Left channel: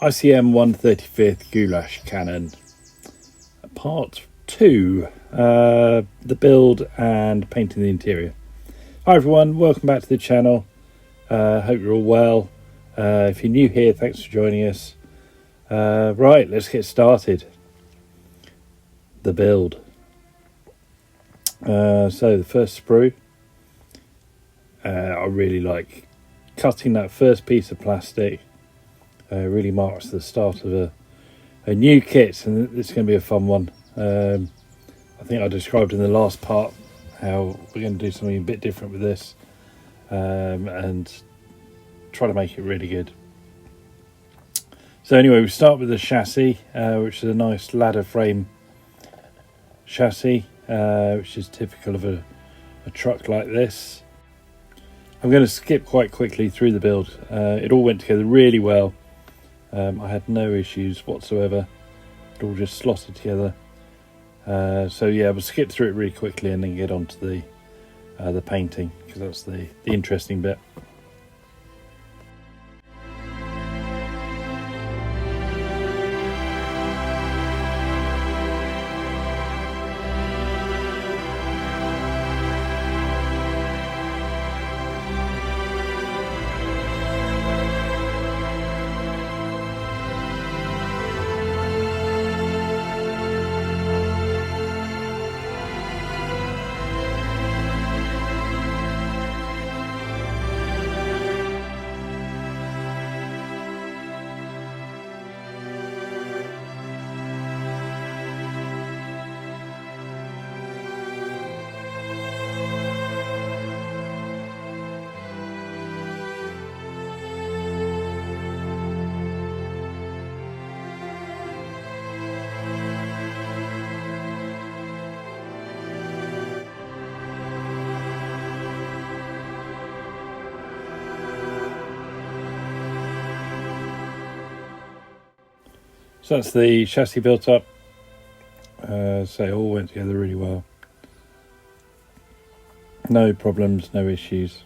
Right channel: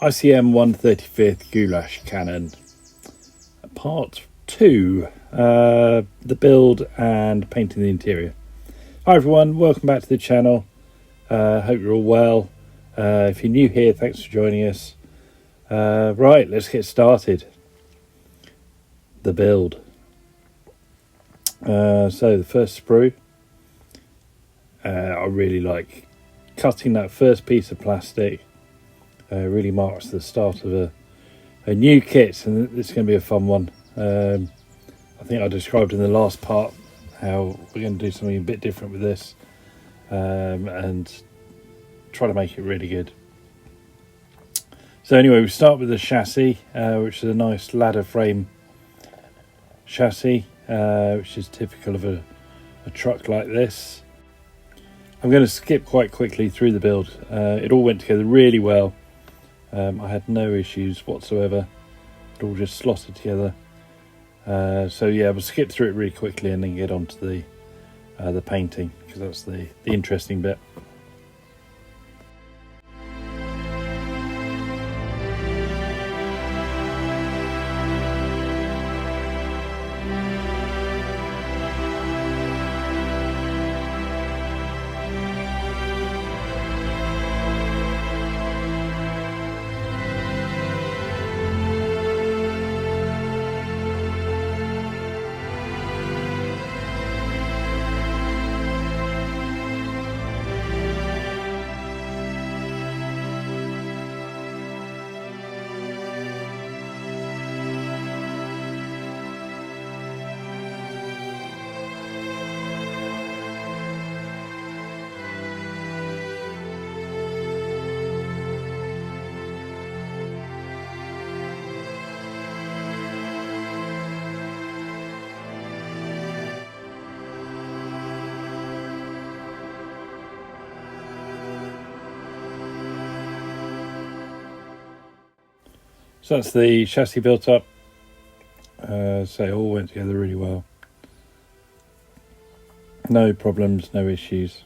ICM 135th Gulashkanone, part 2, the build and painting the interior. Hi everyone, welcome back to the channel. Hope you're all well. If you're new here, thanks for joining us. Right, let's get started. The build. So the first sprue, I really like cutting that first piece of plastic. Really marks the start of a new kit, and it's going to be a fun one. I think I described in the last part how we're going to do something a bit different with this, and try to make it really good. So anyway, we start with the chassis, which is a nice ladder frame chassis, which is typical of a truck like this. I'm going to skip quite quickly through the build. It all went together really well. I had no issues whatsoever. It all just slotted together. So yeah, we'll skip through it really quickly and then get on to the painting, because that's the interesting bit. So that's the chassis built up. So it all went together really well. No problems, no issues.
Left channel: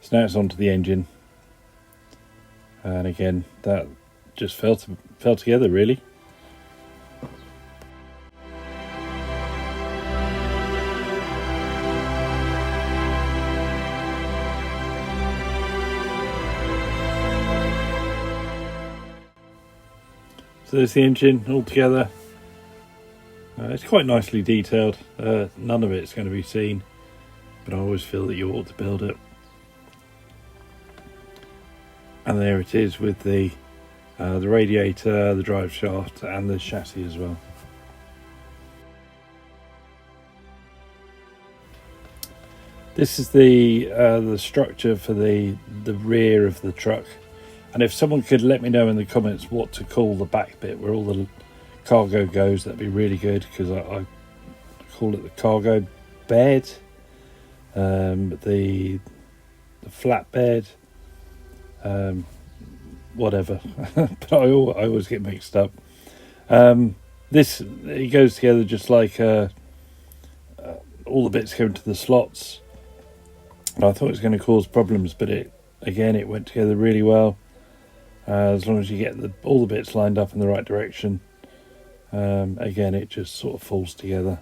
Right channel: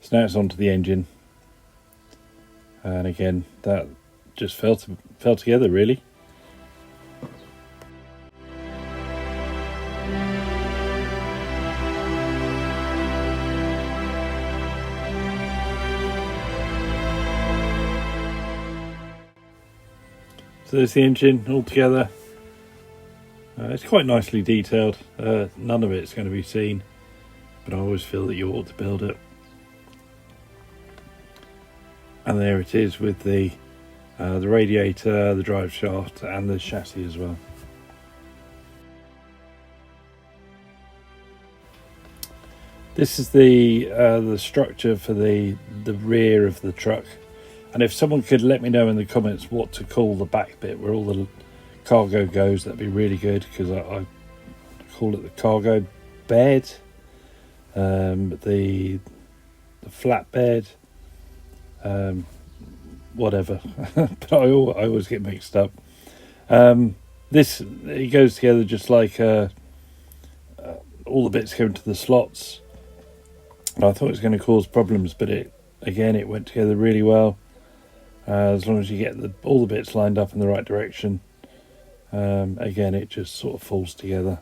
So now it's onto the engine. And again, that just fell together really. So there's the engine all together. It's quite nicely detailed. None of it's going to be seen, but I always feel that you ought to build it. And there it is with the radiator, the drive shaft, and the chassis as well. This is the structure for the rear of the truck. And if someone could let me know in the comments what to call the back bit where all the cargo goes, that'd be really good, because I call it the cargo bed, the flatbed, whatever. But I always get mixed up. It goes together just like all the bits go into the slots. And I thought it was going to cause problems, but it went together really well. As long as you get all the bits lined up in the right direction, again, it just sort of falls together.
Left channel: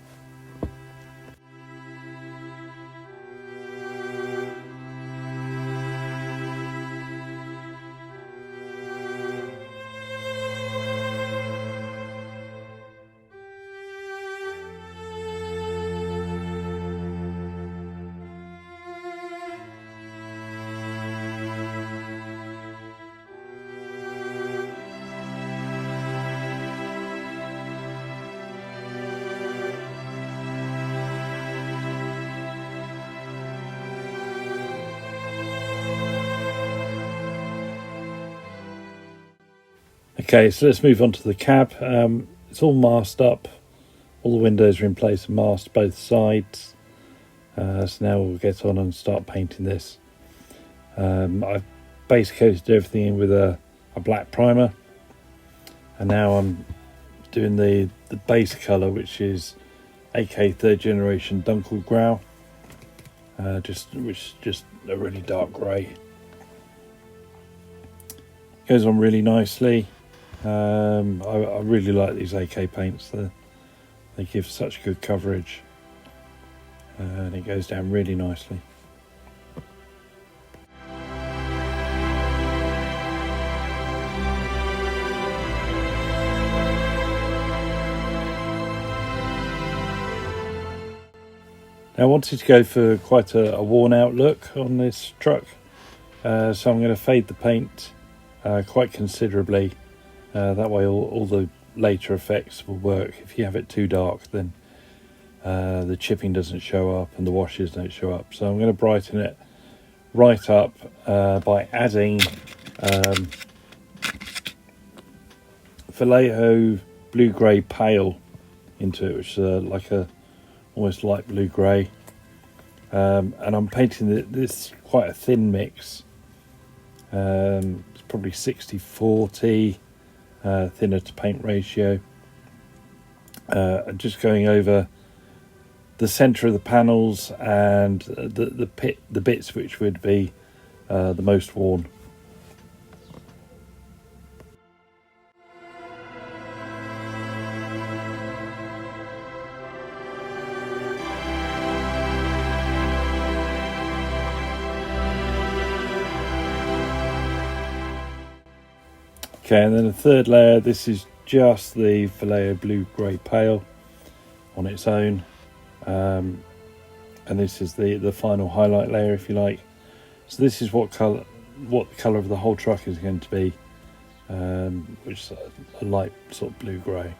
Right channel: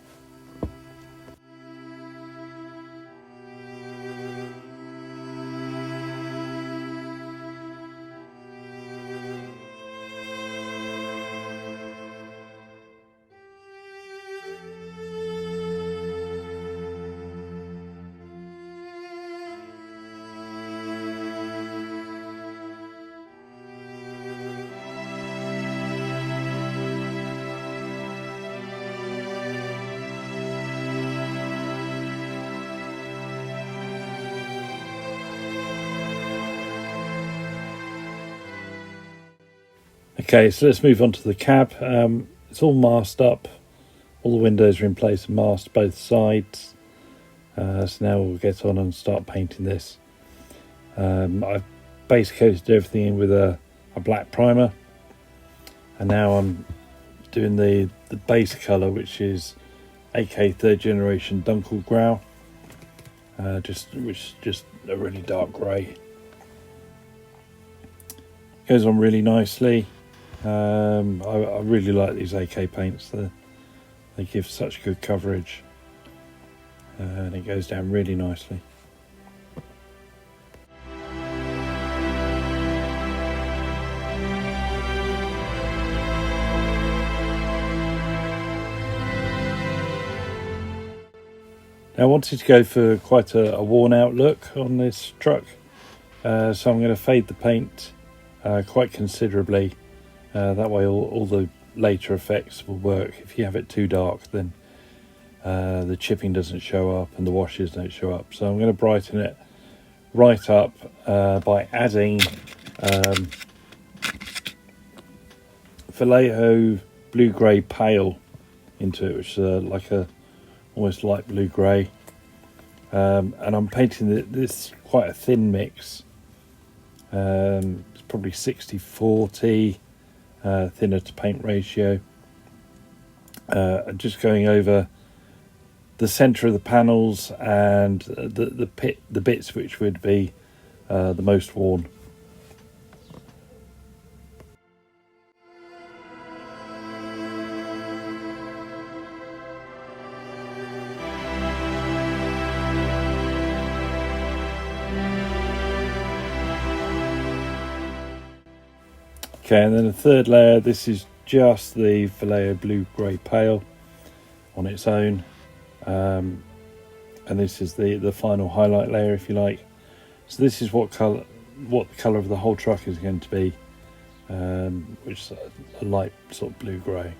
Okay, so let's move on to the cab. It's all masked up. All the windows are in place and masked both sides. So now we'll get on and start painting this. I've base coated everything in with a black primer. And now I'm doing the base colour, which is AK third generation Dunkelgrau. Which is just a really dark grey. Goes on really nicely. I really like these AK paints. They give such good coverage, and it goes down really nicely. Now, I wanted to go for quite a worn out look on this truck, so I'm going to fade the paint quite considerably. That way all the later effects will work. If you have it too dark, then the chipping doesn't show up and the washes don't show up. So I'm going to brighten it right up by adding Vallejo blue grey pale into it, which is like a almost light blue grey, and I'm painting this quite a thin mix. It's probably 60-40 thinner to paint ratio. Just going over the centre of the panels and the bits which would be the most worn. Okay, and then the third layer, this is just the Vallejo blue grey pale on its own, and this is the final highlight layer, if you like. So this is what the colour of the whole truck is going to be, which is a light sort of blue grey.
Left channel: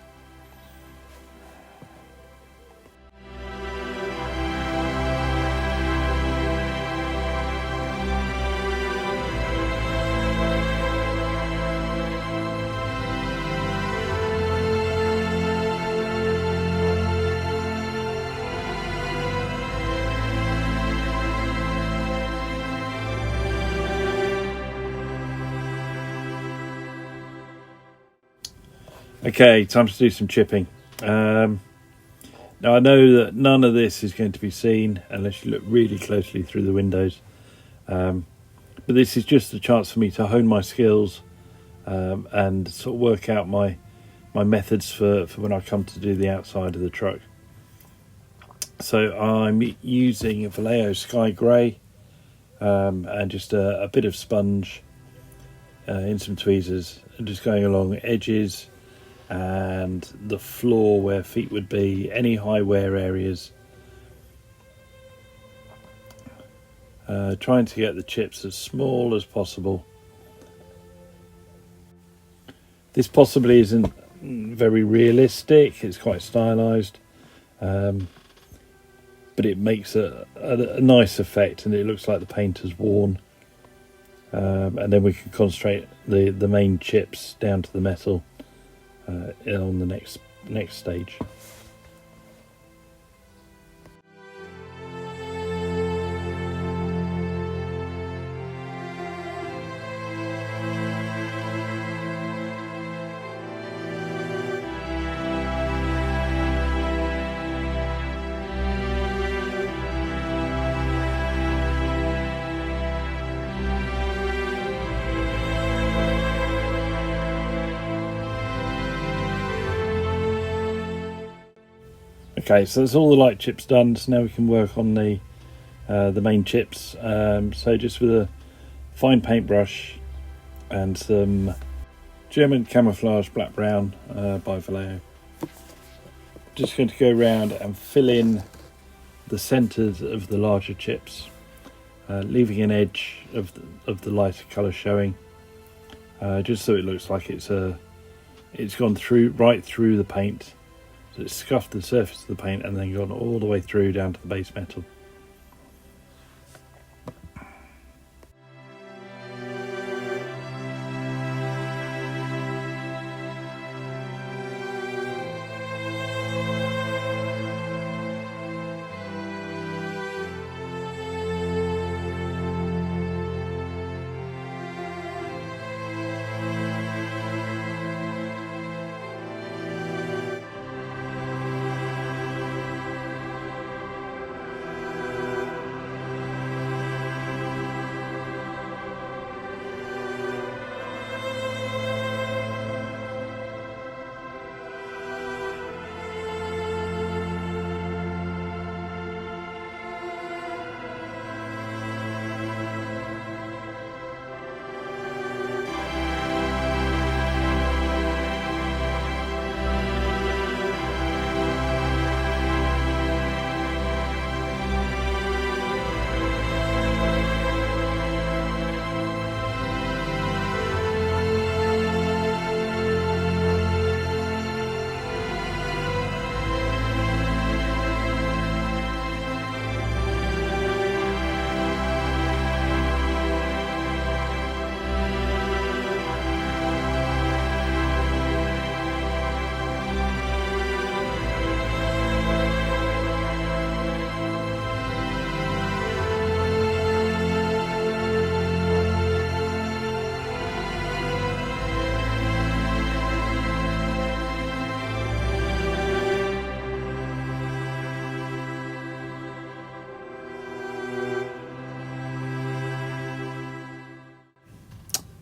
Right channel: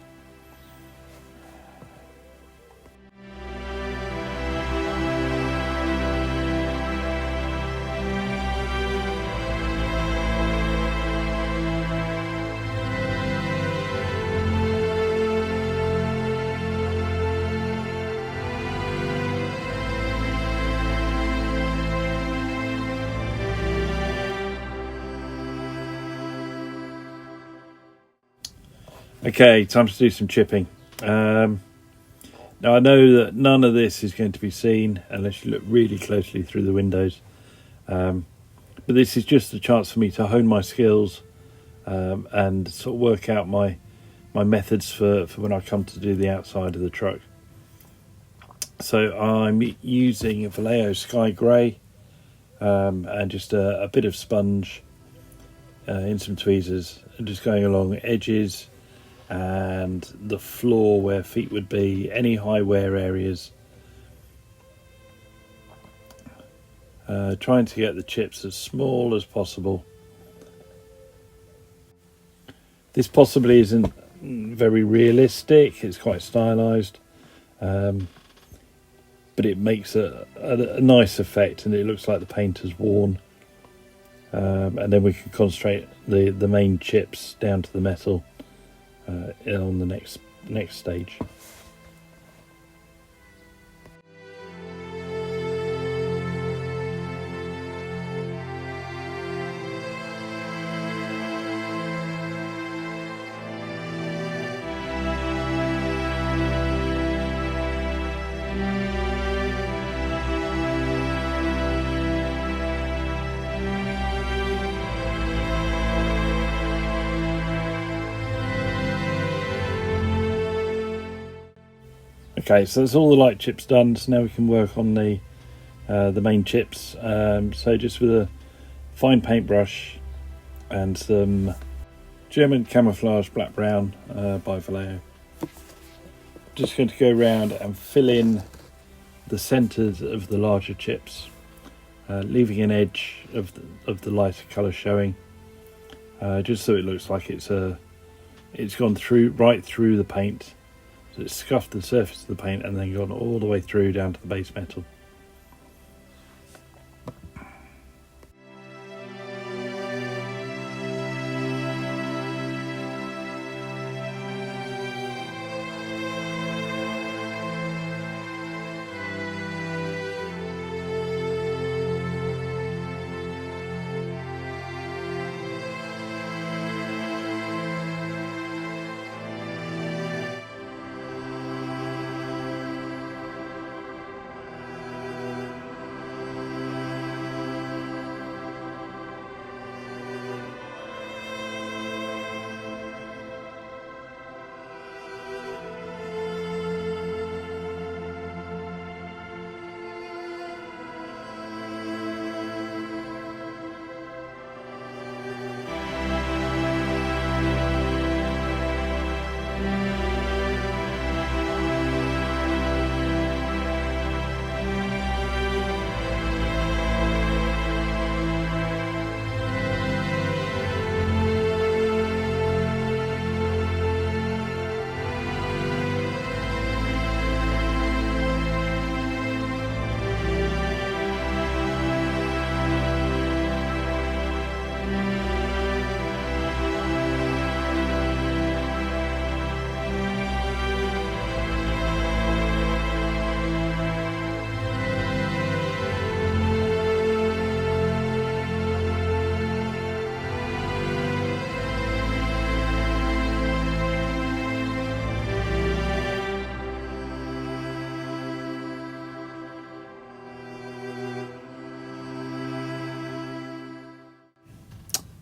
Okay, time to do some chipping. Now I know that none of this is going to be seen unless you look really closely through the windows, but this is just a chance for me to hone my skills and sort of work out my methods for when I come to do the outside of the truck. So I'm using a Vallejo Sky Grey and just a bit of sponge in some tweezers, and just going along edges and the floor where feet would be, any high wear areas, trying to get the chips as small as possible. This possibly isn't very realistic, it's quite stylized, but it makes a nice effect, and it looks like the paint has worn, and then we can concentrate the main chips down to the metal on the next stage. Okay, so that's all the light chips done, so now we can work on the main chips. So just with a fine paintbrush and some German camouflage black brown by Vallejo, just going to go around and fill in the centres of the larger chips, leaving an edge of the lighter colour showing, just so it looks like it's gone right through the paint. So it's scuffed the surface of the paint and then gone all the way through down to the base metal.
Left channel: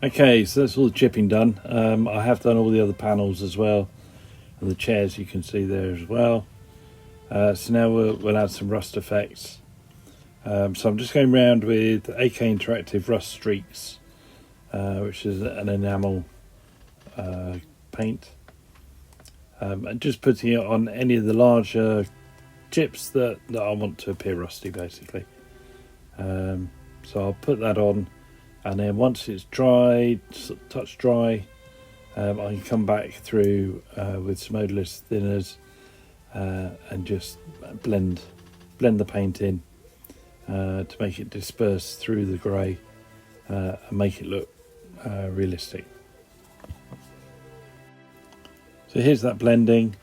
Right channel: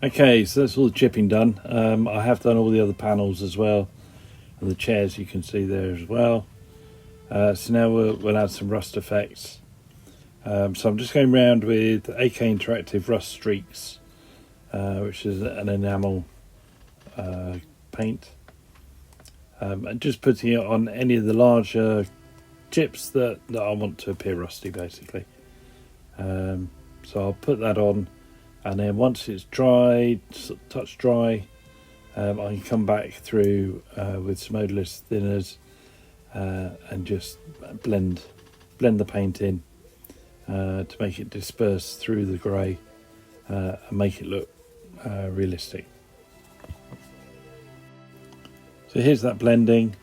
Okay, so that's all the chipping done. I have done all the other panels as well, and the chairs you can see there as well. So now we'll add some rust effects. So I'm just going around with AK Interactive Rust Streaks, which is an enamel paint, and just putting it on any of the larger chips that I want to appear rusty, basically. So I'll put that on, and then once it's dried, touch dry, I can come back through with some odorless thinners and just blend the paint in to make it disperse through the grey and make it look realistic. So here's that blending.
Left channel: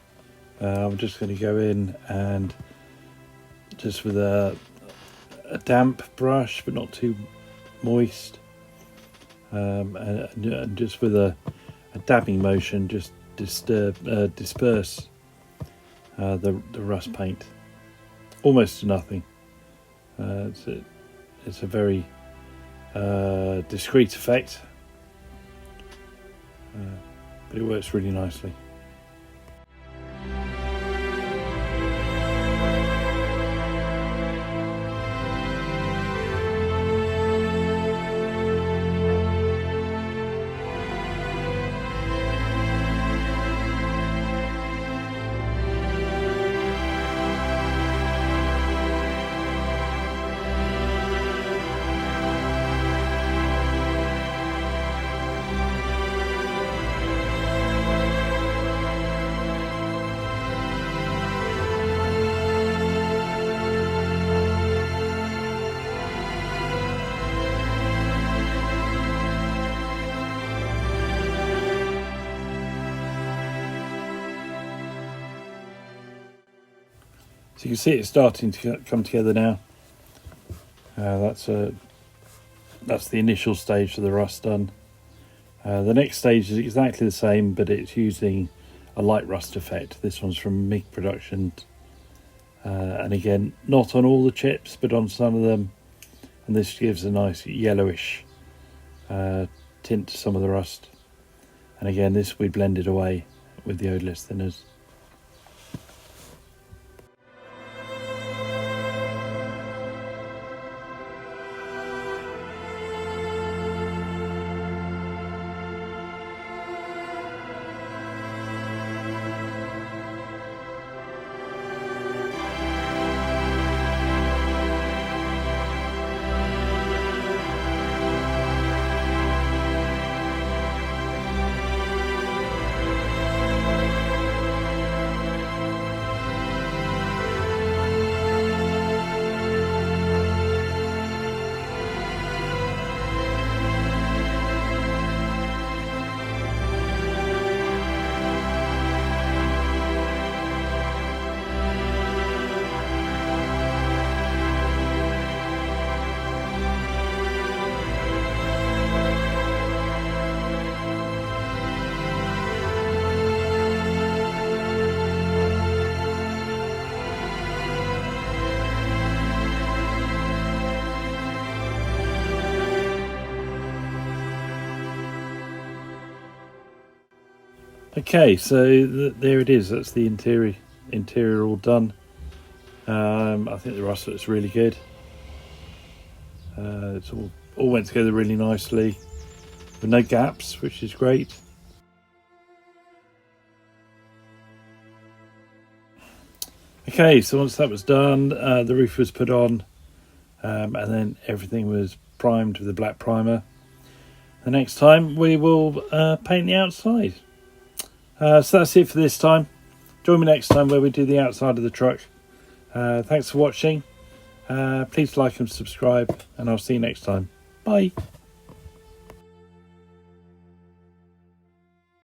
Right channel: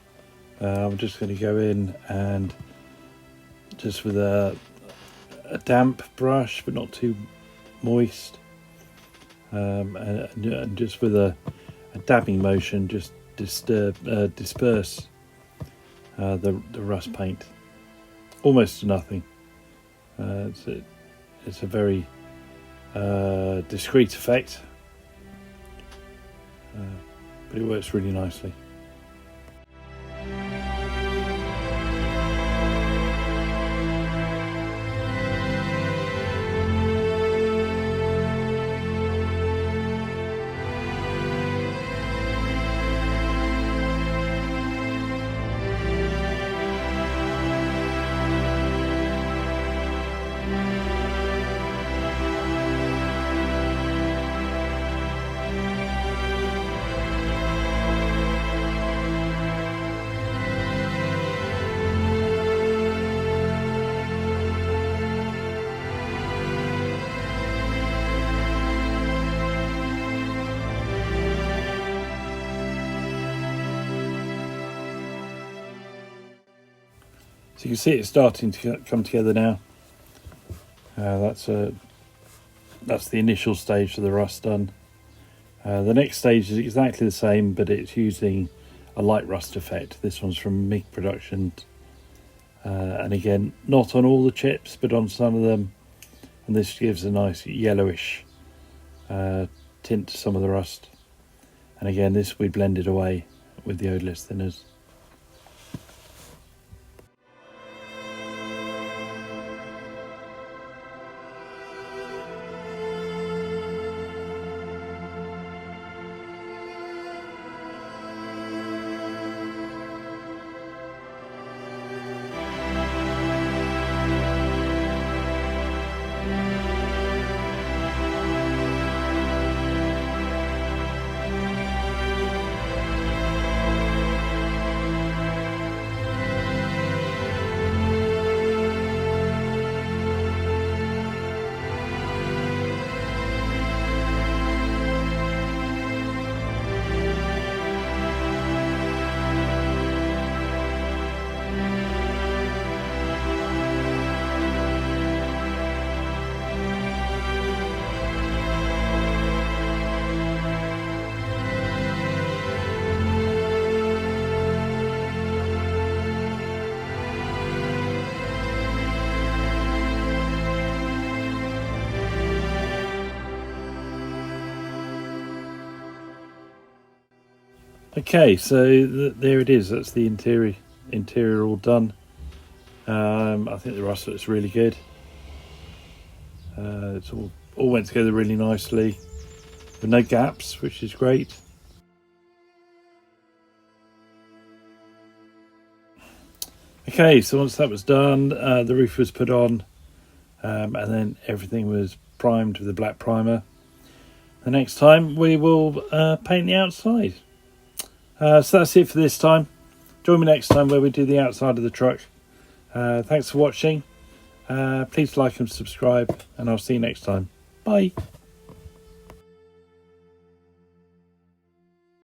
I'm just going to go in and just with a damp brush, but not too moist, and just with a dabbing motion, just disperse the rust paint almost to nothing. It's a very discreet effect, but it works really nicely. So you can see it's starting to come together now. That's the initial stage of the rust done. The next stage is exactly the same, but it's using a light rust effect. This one's from MIG Production, and again, not on all the chips, but on some of them. And this gives a nice yellowish tint to some of the rust. And again, this we blended away with the odorless thinners. Okay, so there it is. That's the interior all done. I think the rust looks really good. It's all went together really nicely with no gaps, which is great. Okay, so once that was done, the roof was put on, and then everything was primed with a black primer. The next time we will paint the outside. So that's it for this time. Join me next time where we do the outside of the truck. Thanks for watching. Please like and subscribe, and I'll see you next time. Bye.